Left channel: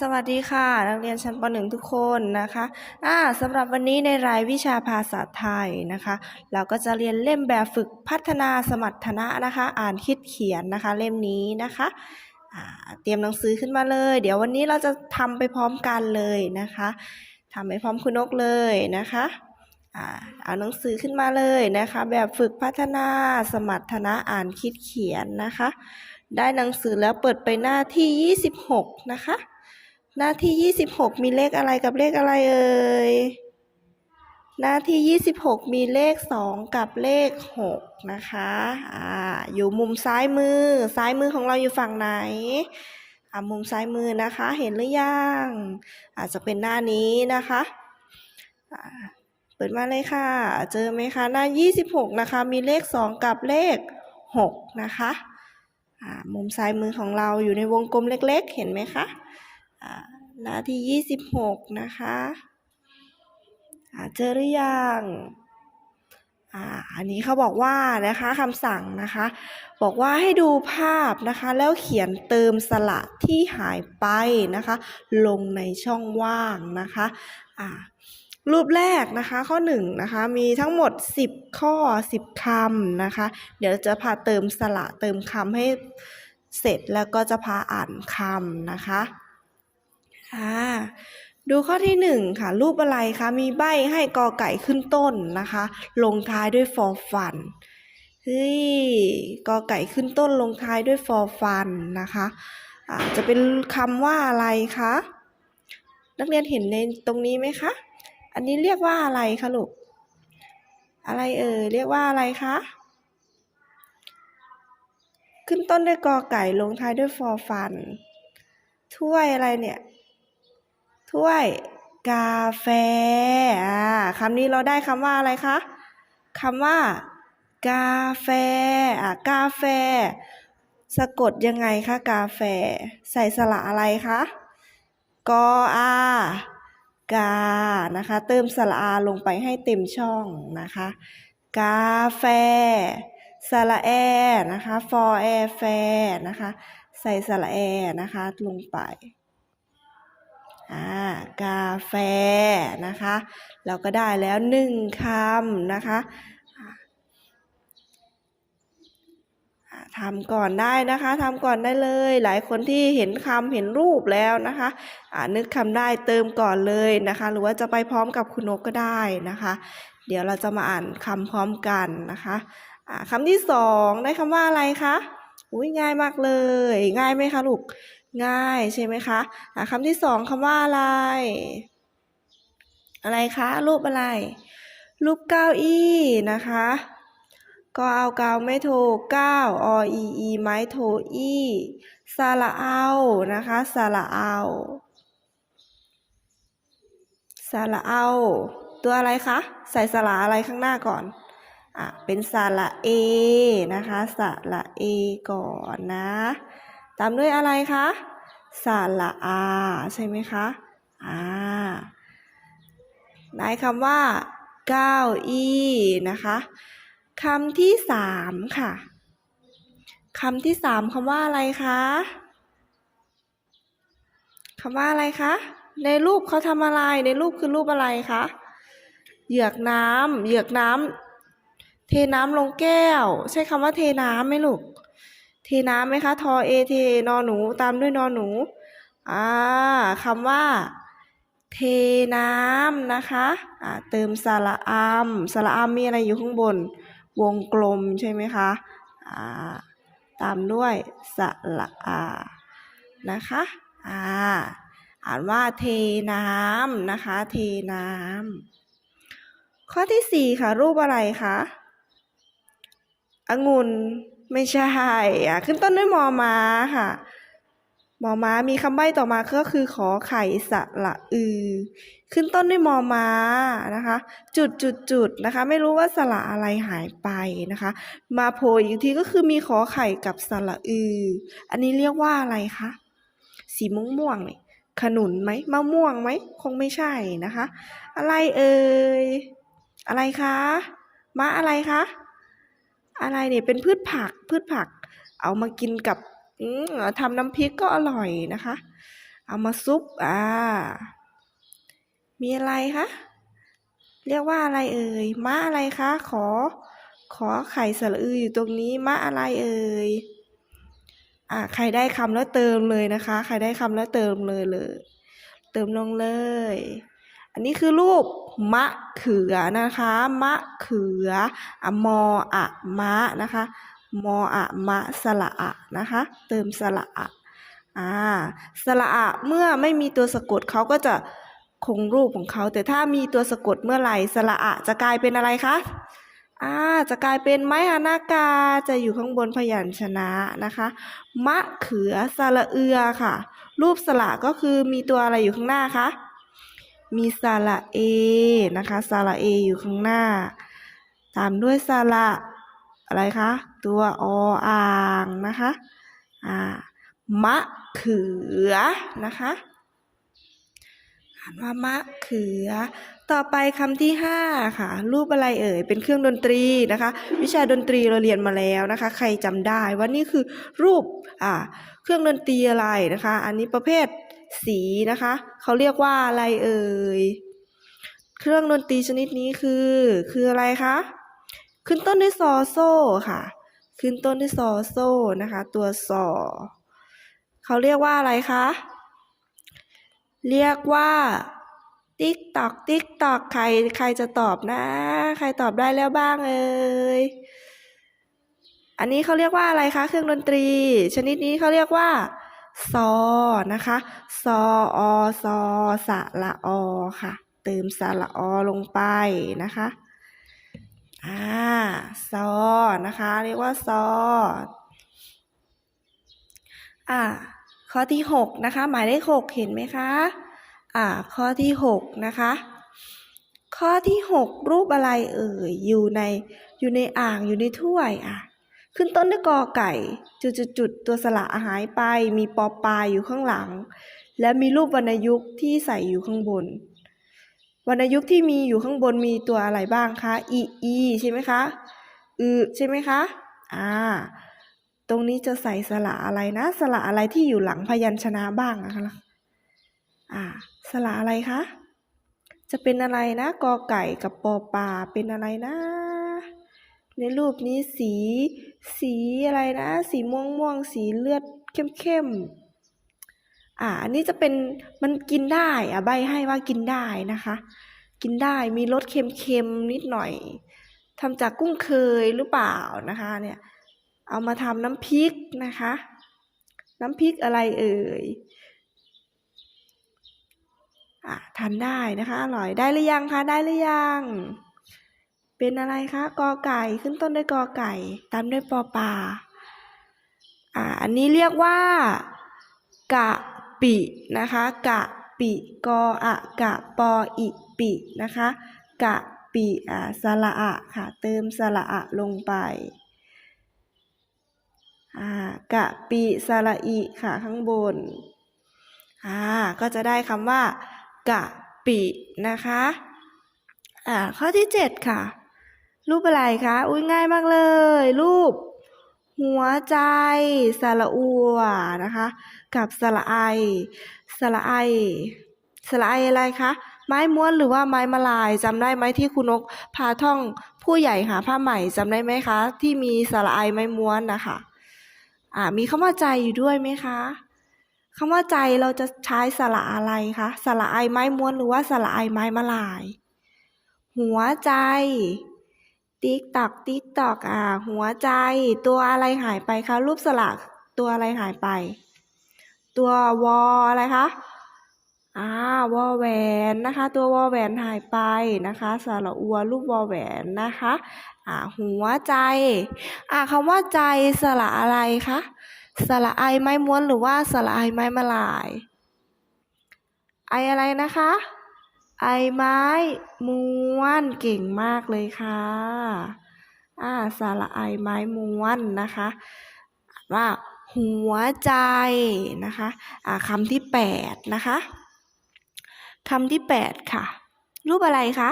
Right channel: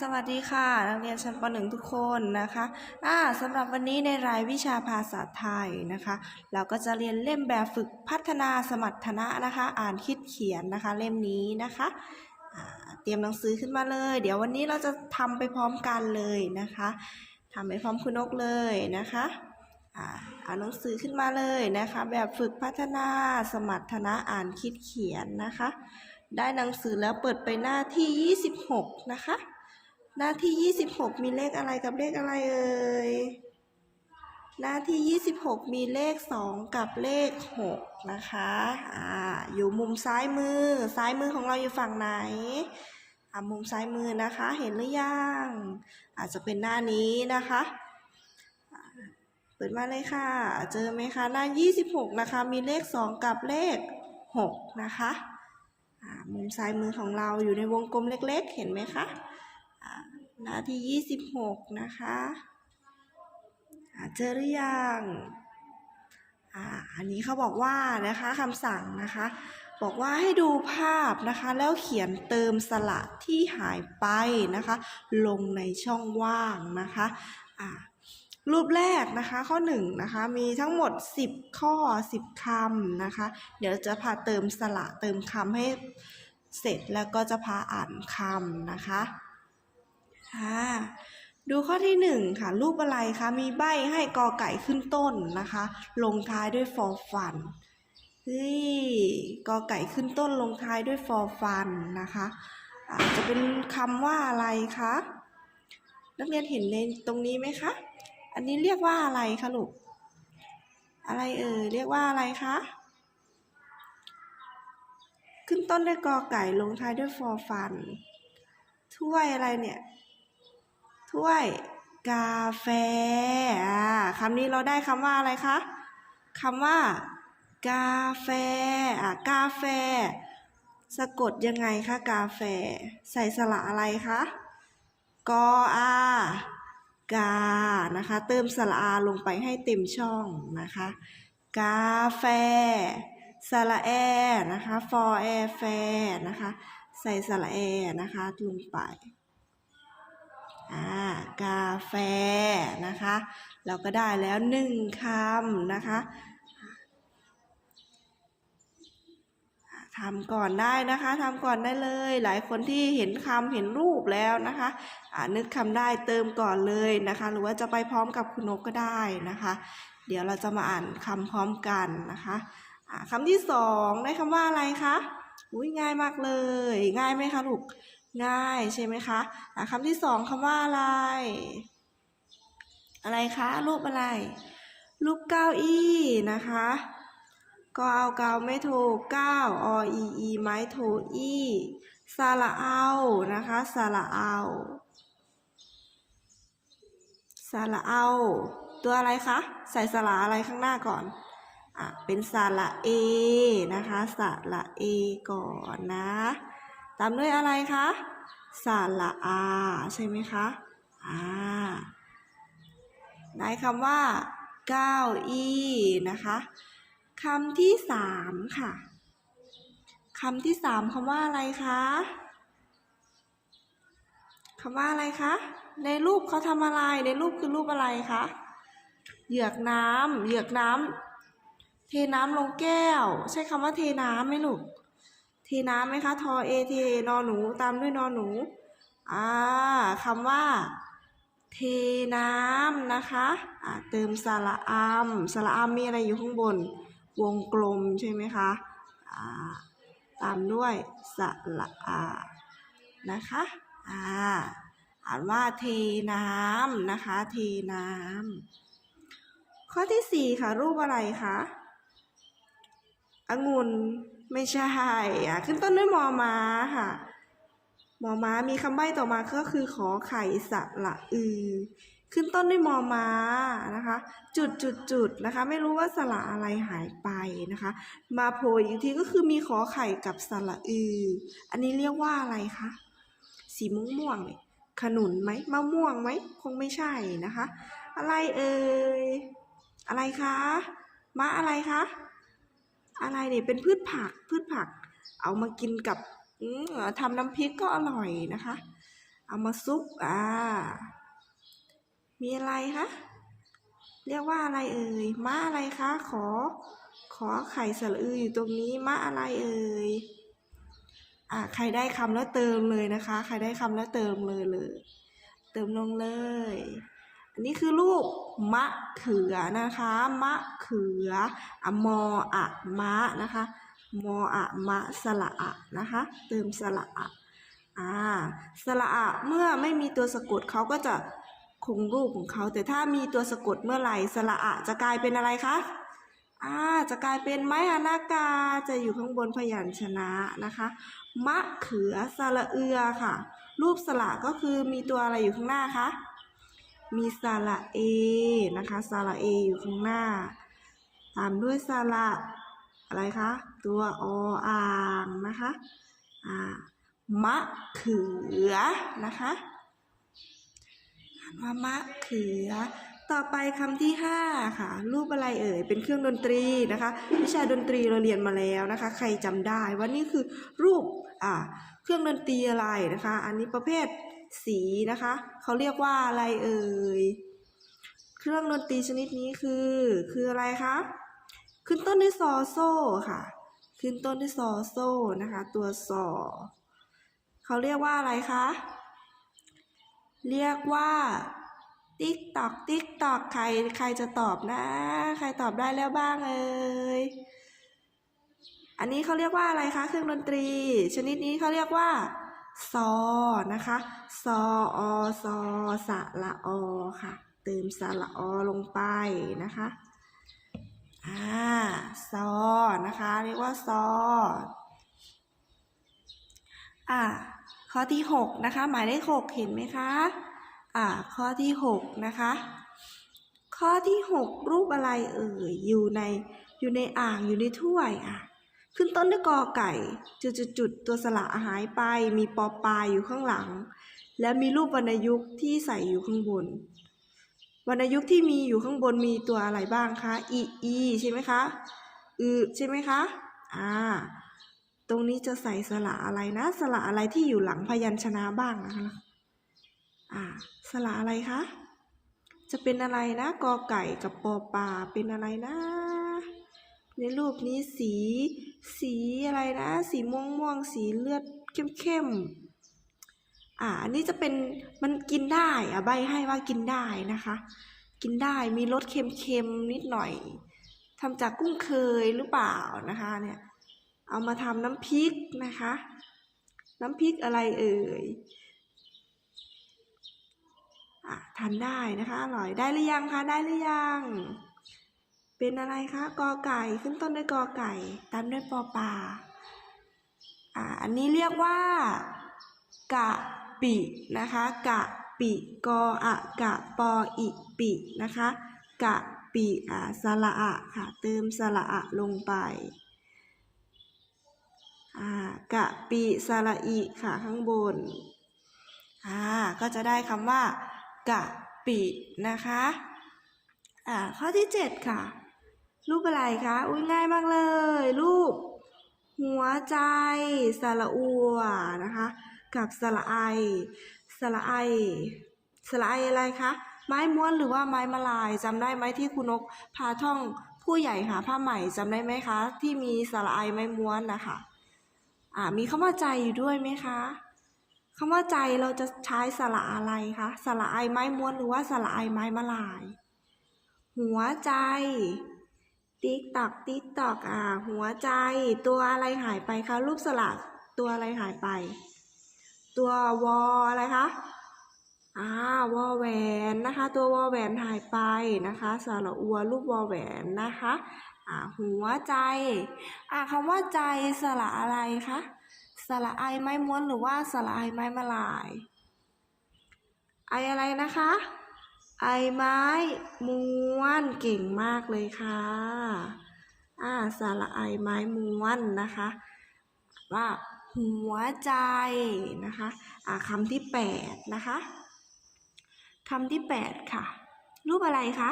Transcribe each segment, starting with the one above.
สวัสดีค่ะ นักเรียนชั้นป .1 ทุกคนนะคะอ่าสำหรับวันนี้ในรายวิชาภาษาไทยนะคะ เราก็จะเรียนเล่มแบบฝึกพัฒนาสมรรถนะนะคะ อ่านคิดเขียนนะคะ เล่มนี้นะคะเตรียมหนังสือขึ้นมาเลย เดี๋ยววันนี้เราจะทำไปพร้อมกันเลยนะคะทำไปพร้อมคุณนกเลยนะคะอ่าเอาหนังสือขึ้นมาเลยนะคะ แบบฝึกพัฒนาสมรรถนะอ่านคิดเขียนนะคะ ได้หนังสือแล้วเปิดไปหน้าที่ 26 นะคะ หน้าที่ 26 มีเลขอะไรกับเลขอะไรเอ่ย หน้าที่ 26 มีเลข 2 กับเลข 6 นะคะ อ่า อยู่มุมซ้ายมือ ซ้ายมือของเราอยู่ฝั่งไหน อ่ามุมซ้ายมือนะคะ เห็นหรือยัง อาจจะเป็นหน้านี้นะคะอ่าเปิดมาเลยค่ะ เจอไหมคะ หน้า 26 นะคะ มีเลข 2 กับเลข 6 นะคะ อ่า มุมซ้ายมือของเราอยู่ในวงกลมเล็ก ๆ เห็นไหมคะ หน้าที่ 26 นะคะอาเจอหรือยังอ่าอันนี้เขาบอกว่านะคะคำสั่งนะคะ บอกว่าให้ดูภาพนะคะ แล้วเขียนเติมสระที่หายไปนะคะ ลงในช่องว่างนะคะอ่ารูปแรกนะคะข้อ1นะคะมีทั้งหมด 10 ข้อ 10คำนะคะ เดี๋ยวจะพาเติมสระเติมคำให้เสร็จแล้วก็จะพาอ่านคำนะคะ อ่าดูข้อที่หนึ่งค่ะ รูปอะไรคะมีใบให้กอไก่ขึ้นต้นนะคะ ลงท้ายด้วยฟอฟันเฮ้ยกอไก่ขึ้นต้นลงท้ายด้วยฟอฟันนะคะอ่าจะเป็นคำว่าอะไรคะนักเรียนเห็นในตรงนี้ไหมคะ อันนี้เรียกว่าอะไรคะลูกอะไรเอ่ยเรียกว่าอะไรคะขึ้นต้นด้วยกอไก่ลงท้ายด้วยฟอฟัน ถ้วยอะไรเนี่ย ถ้วยกาแฟอ่าคำนี้เราได้คำว่าอะไรคะคำว่า กาแฟอ่ากาแฟ สะกดยังไงคะกาแฟ ใส่สระอะไรคะกออากานะคะ เติมสระอาลงไปให้เต็มช่องนะคะ กาแฟสระแอนะคะฟอแอแฟนะคะ ใส่สระแอนะคะลงไป กาแฟนะคะ เราก็ได้แล้วหนึ่งคำนะคะทำก่อนได้นะคะทำก่อนได้เลย หลายคนที่เห็นคำเห็นรูปแล้วนะคะอ่านึกคำได้เติมก่อนเลยนะคะ หรือว่าจะไปพร้อมกับคุณนกก็ได้นะคะ เดี๋ยวเราจะมาอ่านคำพร้อมกันนะคะคำที่สองได้คำว่าอะไรคะอุ้ยง่ายมากเลย ง่ายไหมคะลูก ง่ายใช่ไหมคะะคำที่สองคำว่าอะไร อะไรคะรูปอะไรรูปเก้าอี้นะคะก็เอากาไม่โทเก้าออีอีไม้โทอีสระเอานะคะสระเอาสระเอา ตัวอะไรคะ ใส่สระอะไรข้างหน้าก่อนอะเป็นสระเอนะคะสระเอก่อนนะามด้วยอะไรคะสาระอา ใช่ไหมคะอ่าในคำว่าเก้าอี้นะคะคำที่สามค่ะคำที่สามคำว่าอะไรคะคำว่าอะไรคะ ในรูปเขาทำอะไร ในรูปคือรูปอะไรคะ เหยือกน้ำเหยือกน้ำเทน้ำลงแก้ว ใช้คำว่าเทน้ำไหมลูก ทน้ำไหมคะ ทอเอเทนอหนูตามด้วยนอหนู อ่าคำว่า เทน้ำนะคะอ่าเติมสระอามสระอามมีอะไรอยู่ข้างบน วงกลมใช่ไหมคะอ่าตามด้วยสระอานะคะอ่าอ่านว่าเทน้ำนะคะ เทน้ำข้อที่สี่ค่ะ รูปอะไรคะองุ่น ไม่ใช่อะขึ้นต้นด้วยมอม้าค่ะมอม้ามีคำใบ้ต่อมาก็คือขอไข่สระอือ ขึ้นต้นด้วยมอม้านะคะ จุดจุดจุดนะคะ ไม่รู้ว่าสระอะไรหายไปนะคะ มาโผล่อีกทีก็คือมีขอไข่กับสระอือ อันนี้เรียกว่าอะไรคะสีม่วงม่วงๆนี่ขนุนไหมมะม่วงไหมคงไม่ใช่นะคะ อะไรเอ่ยอะไรคะมะอะไรคะ อะไรเนี่ยเป็นพืชผักพืชผัก เอามากินกับอืมทำน้ำพริกก็อร่อยนะคะ เอามาซุปอ่า มีอะไรคะเรียกว่าอะไรเอ่ยมะอะไรคะ ขอ ขอไข่สระอืออยู่ตรงนี้มะอะไรเอ่ยอ่าใครได้คำแล้วเติมเลยนะคะ ใครได้คำแล้วเติมเลยเลย เติมลงเลย อันนี้คือรูปมะเขือนะคะ มะเขืออมออะมะนะคะ มออะมะสระอะนะคะ เติมสระอะอ่าสระอะเมื่อไม่มีตัวสะกดเขาก็จะคงรูปของเขา แต่ถ้ามีตัวสะกดเมื่อไหร่สระอะจะกลายเป็นอะไรคะอ่าจะกลายเป็นไม้ฮานากาจะอยู่ข้างบนพยัญชนะนะคะ มะเขือสระเอือค่ะ รูปสระก็คือมีตัวอะไรอยู่ข้างหน้าคะ มีสระเอนะคะสระเออยู่ข้างหน้า ตามด้วยสระอะไรคะ ตัวออ่างนะคะอ่ามะเขือนะคะอ่านว่ามะเขือ ต่อไปคำที่ห้าค่ะ รูปอะไรเอ่ย เป็นเครื่องดนตรีนะคะ วิชาดนตรีเราเรียนมาแล้วนะคะ ใครจำได้ว่านี่คือรูปอ่าเครื่องดนตรีอะไรนะคะ อันนี้ประเภท สีนะคะ เขาเรียกว่าอะไรเอ่ย เครื่องดนตรีชนิดนี้คือ คืออะไรคะ ขึ้นต้นด้วยซอโซ่ค่ะ ขึ้นต้นด้วยซอโซ่นะคะ ตัวซอเขาเรียกว่าอะไรคะ เรียกว่าติ๊กตอกติ๊กตอกใครใครจะตอบนะ ใครตอบได้แล้วบ้างเอ่ยอันนี้เขาเรียกว่าอะไรคะ เครื่องดนตรี ชนิดนี้เขาเรียกว่า ซอนะคะ ซออซอสะละอค่ะ เติมสระอลงไปนะคะอ่าซอนะคะ เรียกว่าซออ่าข้อที่หกนะคะ หมายเลขหกเห็นไหมคะอ่าข้อที่หกนะคะข้อที่หกรูปอะไรเอ่ยอยู่ในอยู่ในอ่างอยู่ในถ้วยอะ ขึ้นต้นด้วยกอไก่ จุดๆๆตัวสระหายไป มีปอปลายอยู่ข้างหลัง และมีรูปวรรณยุกต์ที่ใส่อยู่ข้างบน วรรณยุกต์ที่มีอยู่ข้างบนมีตัวอะไรบ้างคะอีอีใช่ไหมคะอือใช่ไหมคะอ่าตรงนี้จะใส่สระอะไรนะ สระอะไรที่อยู่หลังพยัญชนะบ้างนะคะอ่าสระอะไรคะจะเป็นอะไรนะกอไก่กับปอปลาเป็นอะไรนะ ในรูปนี้สี สีอะไรนะ สีม่วงม่วงสีเลือดเข้มเข้มอ่าอันนี้จะเป็นมันกินได้อะใบให้ว่ากินได้นะคะ กินได้มีรสเค็มๆนิดหน่อยทำจากกุ้งเคยหรือเปล่านะคะ เนี่ย เอามาทำน้ำพริกนะคะ น้ำพริกอะไรเอ่ยอะทานได้นะคะอร่อยได้หรือยังคะได้หรือยัง เป็นอะไรคะกอไก่ขึ้นต้นด้วยกอไก่ ตามด้วยปอปลาอ่าอันนี้เรียกว่ากะปินะคะกะปิกออะกะปออิปินะคะกะปิอ่าสระอะค่ะเติมสระอะลงไปอ่ากะปิสระอิค่ะข้างบนอ่าก็จะได้คำว่ากะปินะคะอ่าข้อที่เจ็ดค่ะ รูปอะไรคะ อุ้ยง่ายมากเลย รูป หัวใจสระอัวนะคะ กับสระไอสระไอสระไออะไรคะ ไม้ม้วนหรือว่าไม้มะลายจำได้ไหมที่คุณนกพาท่องผู้ใหญ่หาผ้าใหม่จำได้ไหมคะ ที่มีสระไอไม้ม้วนนะคะอ่ามีคำว่าใจอยู่ด้วยไหมคะคำว่าใจเราจะใช้สระอะไรคะสระไอไม้ม้วนหรือว่าสระไอไม้มะลาย หัวใจ ติ๊กตอกติ๊กตอกอ่า หัวใจ ตัวอะไรหายไปคะรูปสระตัวอะไรหายไป ตัววออะไรคะอ่าวอแหวนนะคะ ตัววอแหวนหายไปนะคะสระอัวรูปวอแหวนนะคะอ่าหัวใจอ่าคำว่าใจสระอะไรคะสระไอไม้ม้วนหรือว่าสระไอไม้มาลาย ไออะไรนะคะ ไอไม้ม้วนเก่งมากเลยค่ะ อ่าสระไอไม้ม้วนนะคะว่าหัวใจนะคะอ่าคำที่แปดนะคะคำที่แปดค่ะ รูปอะไรคะ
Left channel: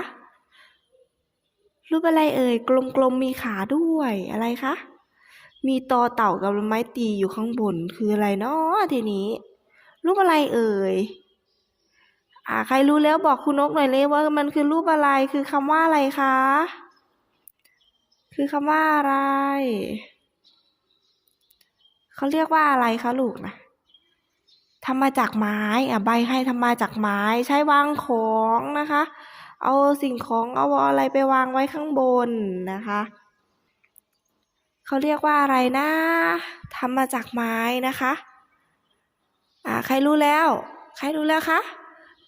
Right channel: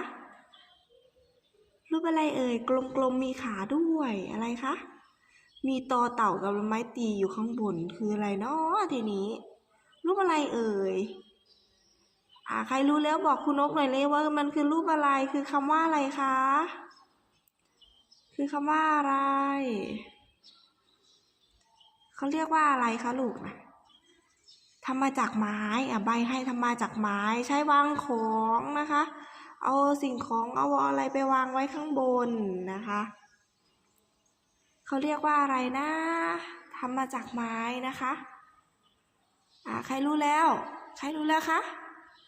รูปอะไรเอ่ย กลมๆมีขาด้วยอะไรคะ มีตอเต่ากับไม้ตีอยู่ข้างบนคืออะไรเนาะทีนี้ รูปอะไรเอ่ย อ่าใครรู้แล้วบอกคุณนกหน่อยเลยว่ามันคือรูปอะไรคือคำว่าอะไรคะ คือคำว่าอะไร เขาเรียกว่าอะไรคะลูกนะทำมาจากไม้อะใบให้ทำมาจากไม้ใช้วางของนะคะ เอาสิ่งของเอาอะไรไปวางไว้ข้างบนนะคะเขาเรียกว่าอะไรนะทำมาจากไม้นะคะ อ่าใครรู้แล้ว ใครรู้แล้วคะ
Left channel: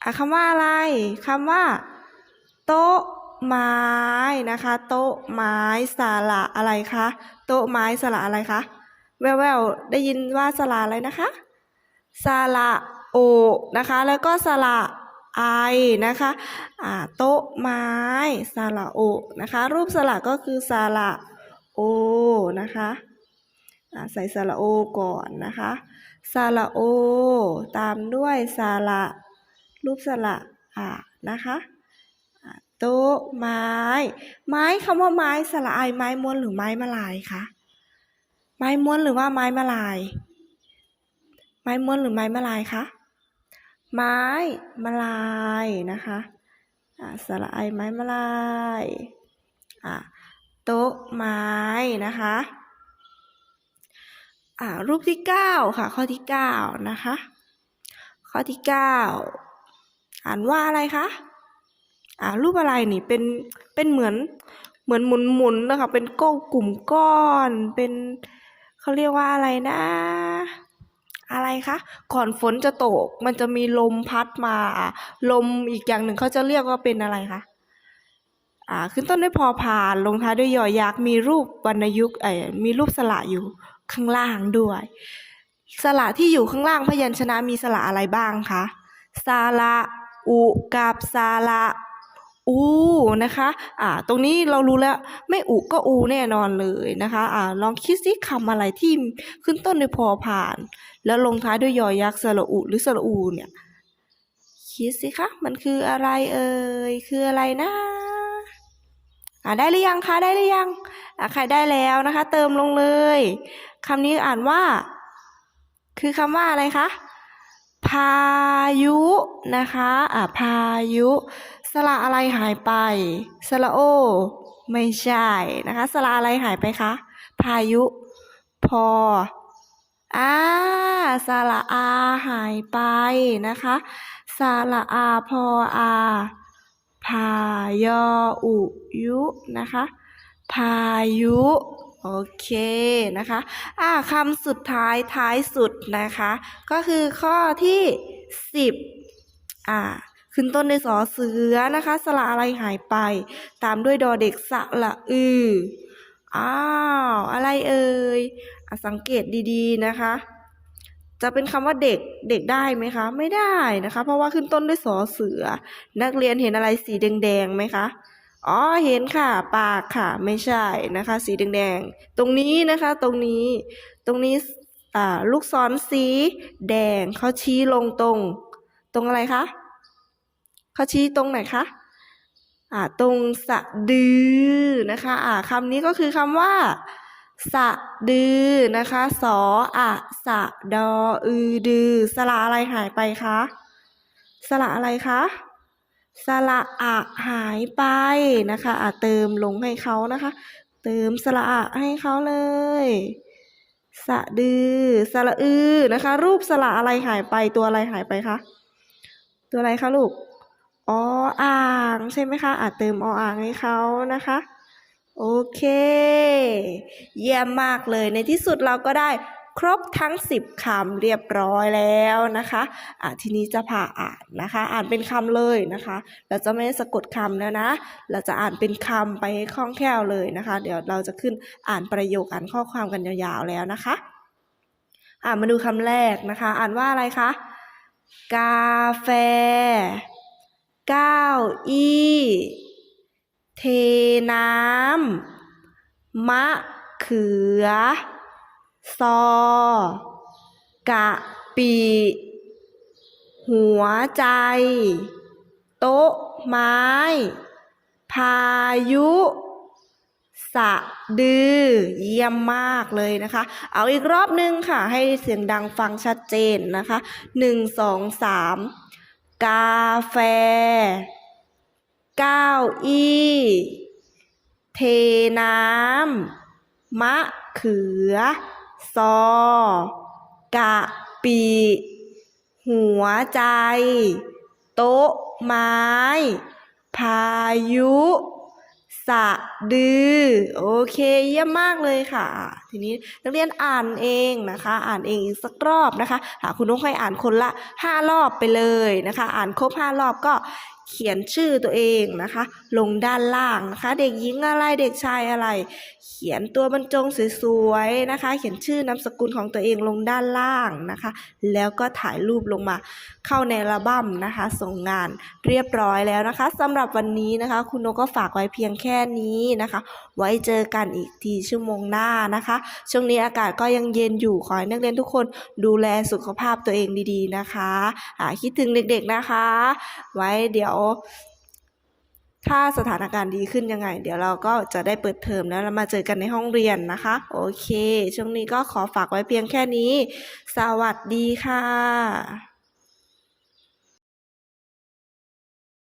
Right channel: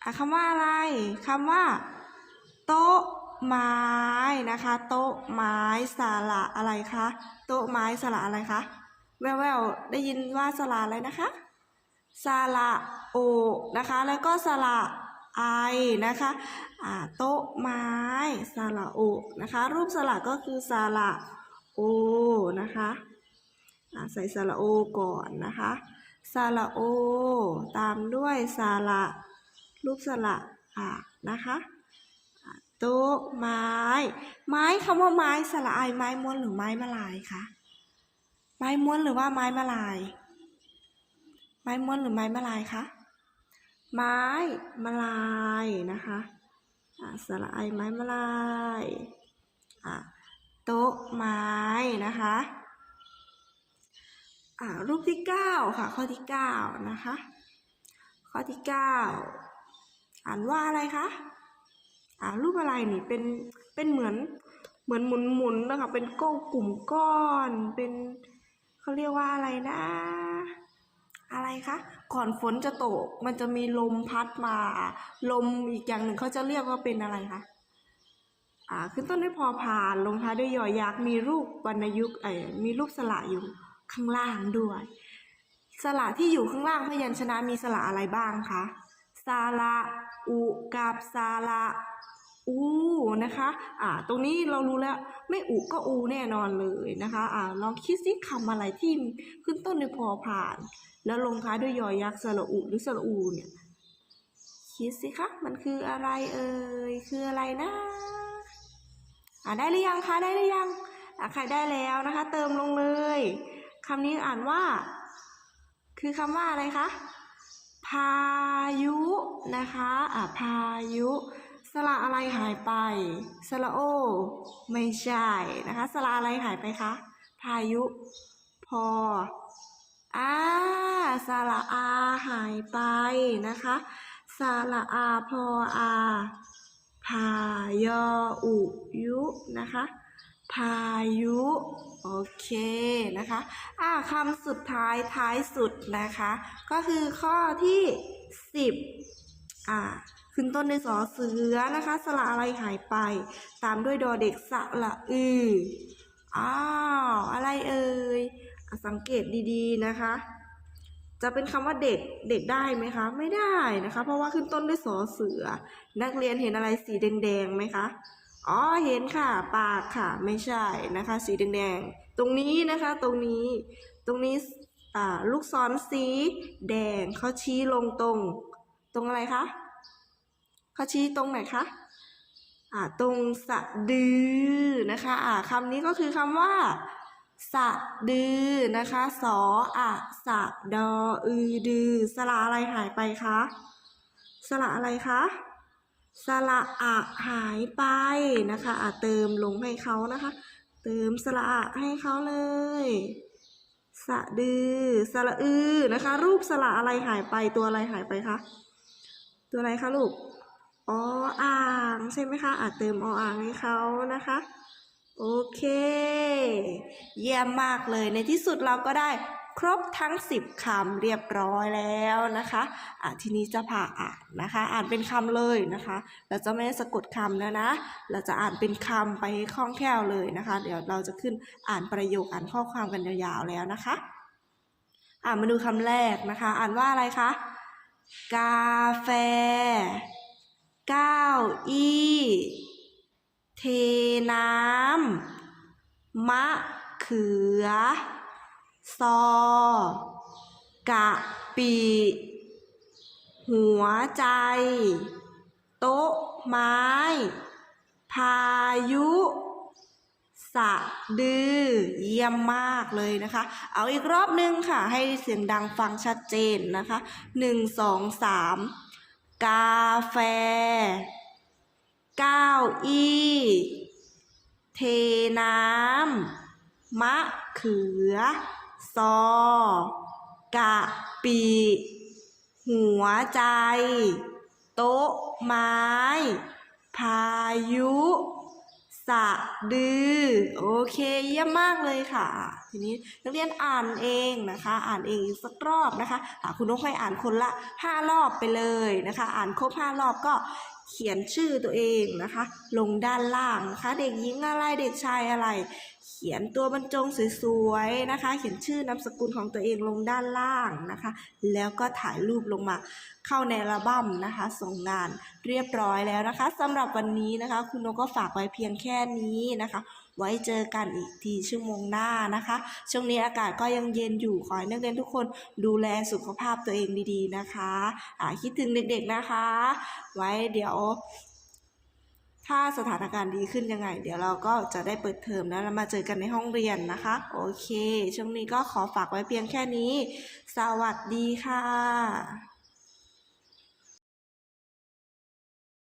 อะคำว่าอะไรคำว่า โต๊ะไม้นะคะ โต๊ะไม้สระอะไรคะโต๊ะไม้สระอะไรคะแววๆได้ยินว่าสระอะไรนะคะสระโอนะคะ แล้วก็สระไอนะคะอ่าโต๊ะไม้สระโอนะคะ รูปสระก็คือสระโอนะคะอ่าใส่สระโอก่อนนะคะสระโอ ตามด้วยสระ รูปสระอ่านะคะโต๊ะไม้ ไม้คำว่าไม้สระไอไม้ม้วนหรือไม้มะลายคะไม้ม้วนหรือว่าไม้มะลาย ไม้ม้วนหรือไม้มะลายคะไม้มะลายนะคะอ่าสระไอไม้มะลายอ่าโต๊ะไม้นะคะอ่ารูปที่เก้าค่ะ ข้อที่เก้านะคะ ข้อที่เก้า อ่านว่าอะไรคะอ่ารูปอะไรนี่เป็นเป็นเหมือนเหมือนหมุนหมุนนะคะเป็นก้อนกลุ่มก้อนเป็นเขาเรียกว่าอะไรนะ อะไรคะก่อนฝนจะตก มันจะมีลมพัดมา ลมอีกอย่างหนึ่งเขาจะเรียกว่าเป็นอะไรคะอ่าขึ้นต้นด้วยพอพานลงท้ายด้วยยอยักษ์มีรูปวรรณยุกต์เอ่มีรูปสระอยู่ข้างล่างด้วย สระที่อยู่ข้างล่างพยัญชนะมีสระอะไรบ้างคะสระ อุกับสระอูนะคะอ่าตรงนี้เรารู้แล้วไม่อุก็อูแน่นอนเลยนะคะอ่าลองคิดสิคำอะไรที่ขึ้นต้นด้วยพอผ่าน แล้วลงท้ายด้วยยอยักษ์สระอุหรือสระอูเนี่ยคิดสิคะมันคืออะไรเอ่ยคืออะไรนะอ่าได้หรือยังคะได้หรือยังอ่าใครได้แล้วนะคะ เติมลงเลยคำนี้อ่านว่า คือคำว่าอะไรคะ พายุนะคะอ่าพายุ สระอะไรหายไป สระโอ ไม่ใช่นะคะ สระอะไรหายไปคะ พายุ พออ่าสระอาหายไปนะคะ สระอาพออา พายออุยุนะคะ พายุ โอเคนะคะอ่าคำสุดท้ายท้ายสุดนะคะ ก็คือข้อที่สิบอ่าขึ้นต้นในสอเสือนะคะสระอะไรหายไป ตามด้วยดอเด็กสระอืออ้าวอะไรเอ่ยอสังเกตดีๆนะคะ จะเป็นคำว่าเด็กเด็กได้ไหมคะ ไม่ได้นะคะ เพราะว่าขึ้นต้นด้วยสอเสือ นักเรียนเห็นอะไรสีแดงๆไหมคะ อ๋อเห็นค่ะ ปากค่ะ ไม่ใช่นะคะ สีแดงๆตรงนี้นะคะ ตรงนี้ ตรงนี้อ่าลูกศรสีแดงเขาชี้ลงตรง ตรงอะไรคะเขาชี้ตรงไหนคะอ่าตรงสะดือนะคะอ่าคำนี้ก็คือคำว่าสะดือนะคะสออะสะดออือดือสระอะไรหายไปคะสระอะไรคะ สระอะหายไปนะคะอะเติมลงให้เขานะคะ เติมสระอะให้เขาเลย สะดือ สระอือนะคะ รูปสระอะไรหายไปตัวอะไรหายไปคะตัวอะไรคะลูกออ่างใช่ไหมคะอะเติมออ่างให้เขานะคะโอเค เยี่ยมมากเลยในที่สุดเราก็ได้ ครบทั้ง 10คำเรียบร้อยแล้วนะคะอะทีนี้จะพาอ่านนะคะ อ่านเป็นคำเลยนะคะ เราจะไม่สะกดคำแล้วนะ เราจะอ่านเป็นคำไปให้คล่องแคล่วเลยนะคะ เดี๋ยวเราจะขึ้นอ่านประโยคอ่านข้อความกันยาวๆแล้วนะคะ อ่ามาดูคำแรกนะคะ อ่านว่าอะไรคะ กาแฟ เก้าอี้ เทน้ำมะเขือ ซอ กะปิหัวใจ โต๊ะ ไม้ พายุสสะดือ เยี่ยมมากเลยนะคะ เอาอีกรอบหนึ่งค่ะ ให้เสียงดังฟังชัดเจนนะคะหนึ่งสองสามกาแฟ เก้าอี้ เทน้ำมะเขือ ซอกะปิหัวใจ โต๊ะไม้ พายุ สะดือ โอเค เยี่ยมมากเลยค่ะ ทีนี้นักเรียนอ่านเองนะคะ อ่านเองอีกสักรอบนะคะหาคุณนกให้อ่านคนละ5รอบไปเลยนะคะ อ่านครบ5รอบก็เขียนชื่อตัวเองนะคะ ลงด้านล่างนะคะ เด็กหญิงอะไรเด็กชายอะไร เขียนตัวบรรจงสวยๆนะคะ เขียนชื่อนามสกุลของตัวเองลงด้านล่างนะคะ แล้วก็ถ่ายรูปลงมาเข้าในอัลบั้มนะคะ ส่งงานเรียบร้อยแล้วนะคะสำหรับวันนี้นะคะ คุณนกก็ฝากไว้เพียงแค่นี้นะคะ ไว้เจอกันอีกทีชั่วโมงหน้านะคะ ช่วงนี้อากาศก็ยังเย็นอยู่ขอให้นักเรียนทุกคนดูแลสุขภาพตัวเองดีๆนะคะคิดถึงเด็กๆนะคะ ไว้เดี๋ยว ถ้าสถานการณ์ดีขึ้นยังไง เดี๋ยวเราก็จะได้เปิดเทอมแล้วเรามาเจอกันในห้องเรียนนะคะ โอเค ช่วงนี้ก็ขอฝากไว้เพียงแค่นี้ สวัสดีค่ะ